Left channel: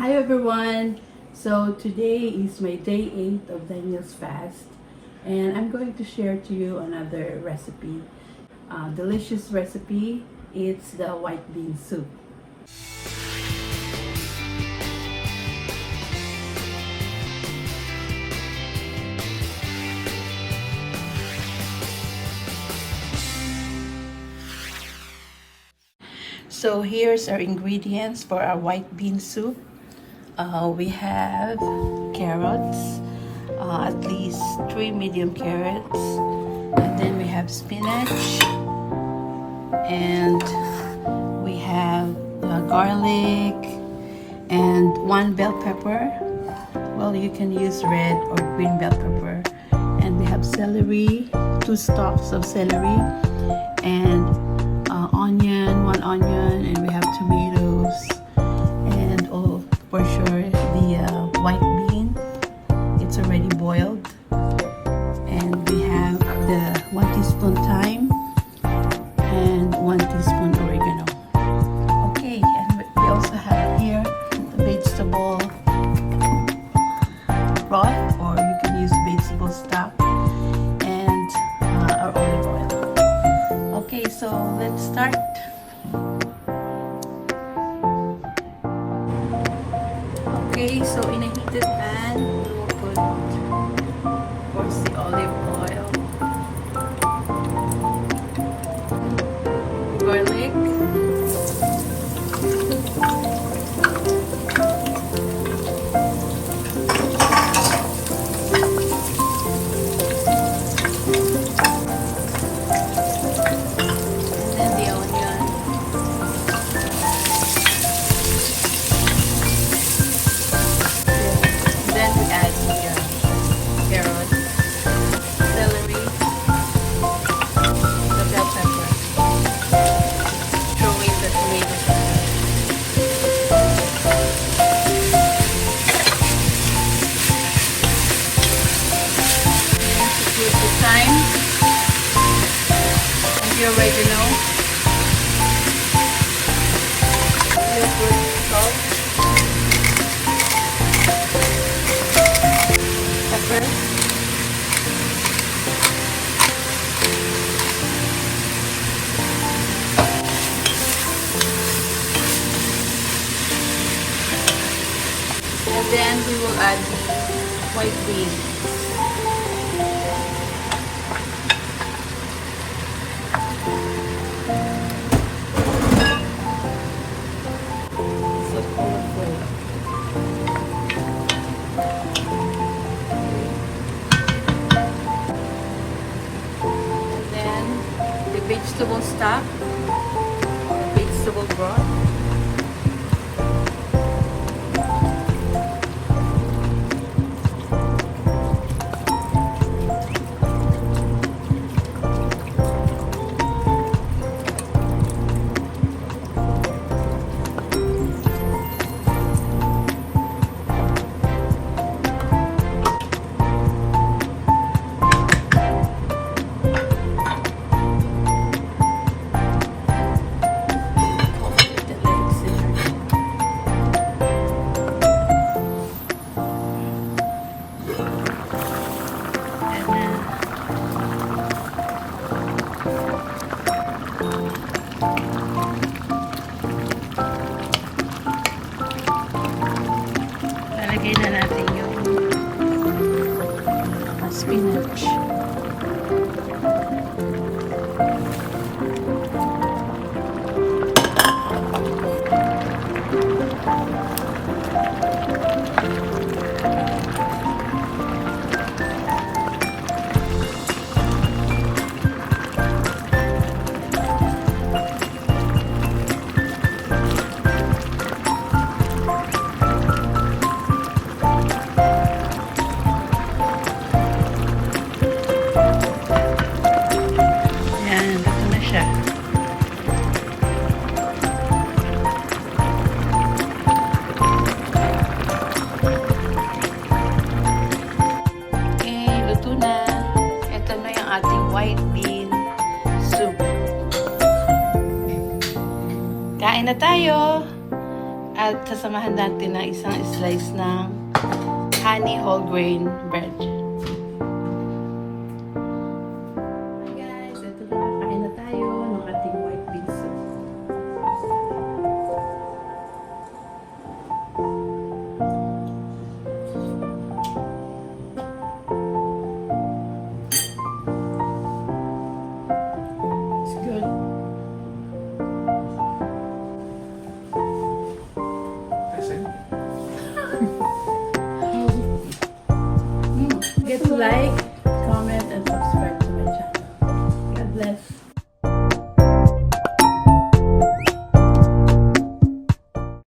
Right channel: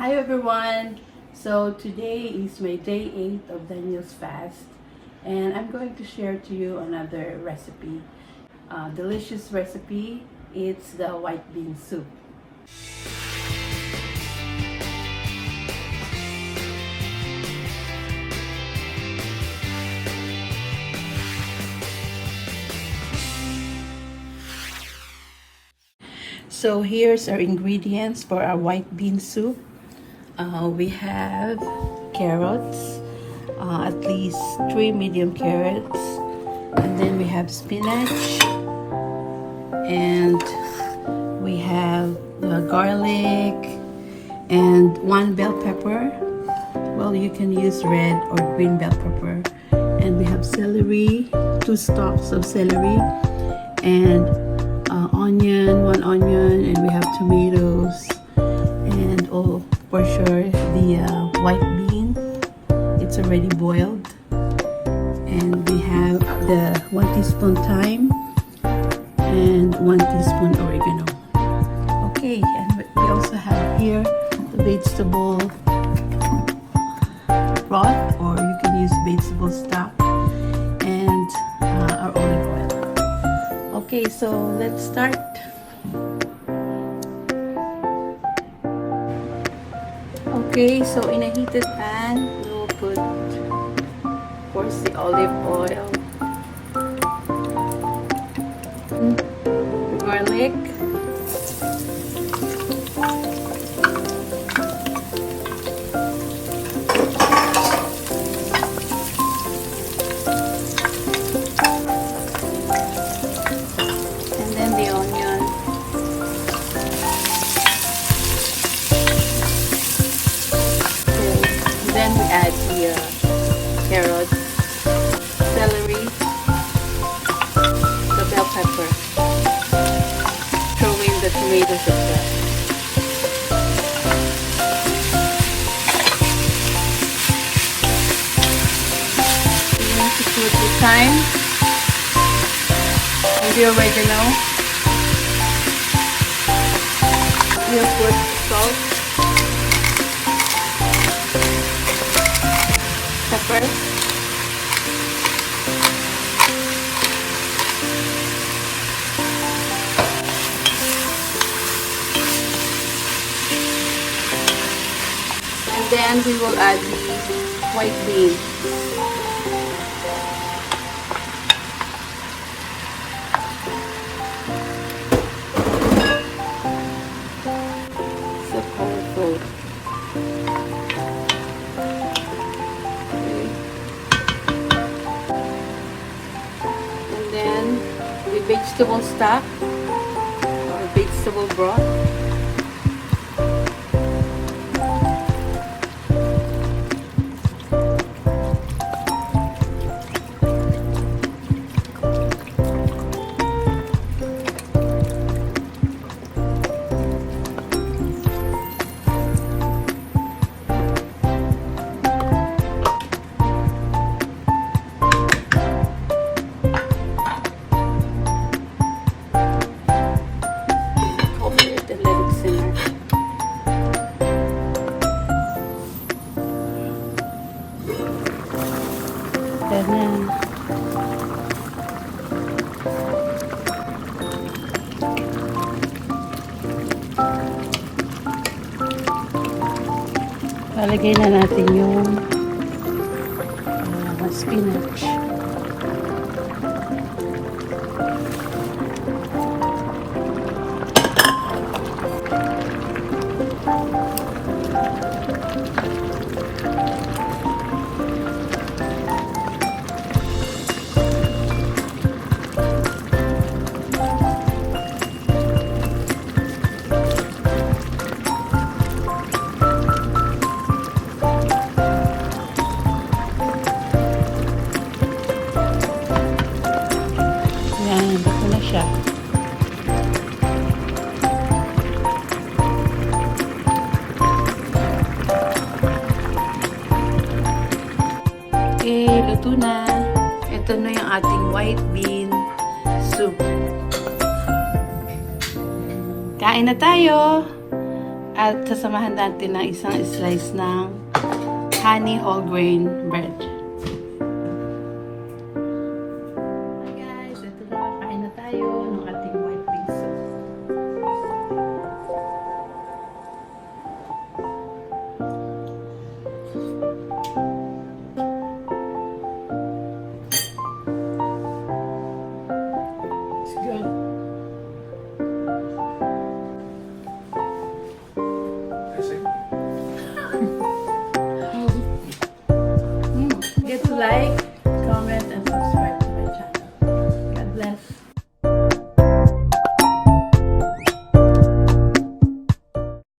Hi everyone! So today is my day 8 of Daniel's fast and I'm going to share to you another recipe. Delicious recipe. It's the white bean soup. So here's our ingredients for our white bean soup. We have carrots, at least 3 medium carrots, and then we have spinach, and we have garlic, and 1 bell pepper. Well, you can use red or green bell pepper. And we have celery, 2 stalks of celery, and onion, 1 onion, and we have tomatoes, and for sure the white bean. It's already boiled, and we have the 1 teaspoon thyme and 1 teaspoon oregano. Okay, and we also have here the vegetable broth, or you can use vegetable stock, and our olive oil. Okay, so let's start. Okay, so in a heated pan, we'll put, of course, the olive oil, garlic, and then the onion. Then we add the carrots, celery, the bell pepper, throw in the tomatoes as well. With the thyme, as you already know, we have put salt, pepper, and then we will add the white bean. So colorful. And then the vegetable stock, the vegetable broth. Lalagay na natin yung spinach. Luto na. Ito na yung ating white bean soup. Kain na tayo! At sasamahan natin ng isang slice ng honey whole grain bread. Hi guys, ito na, kain na tayo ng ating white bean soup. It's good. Get to like,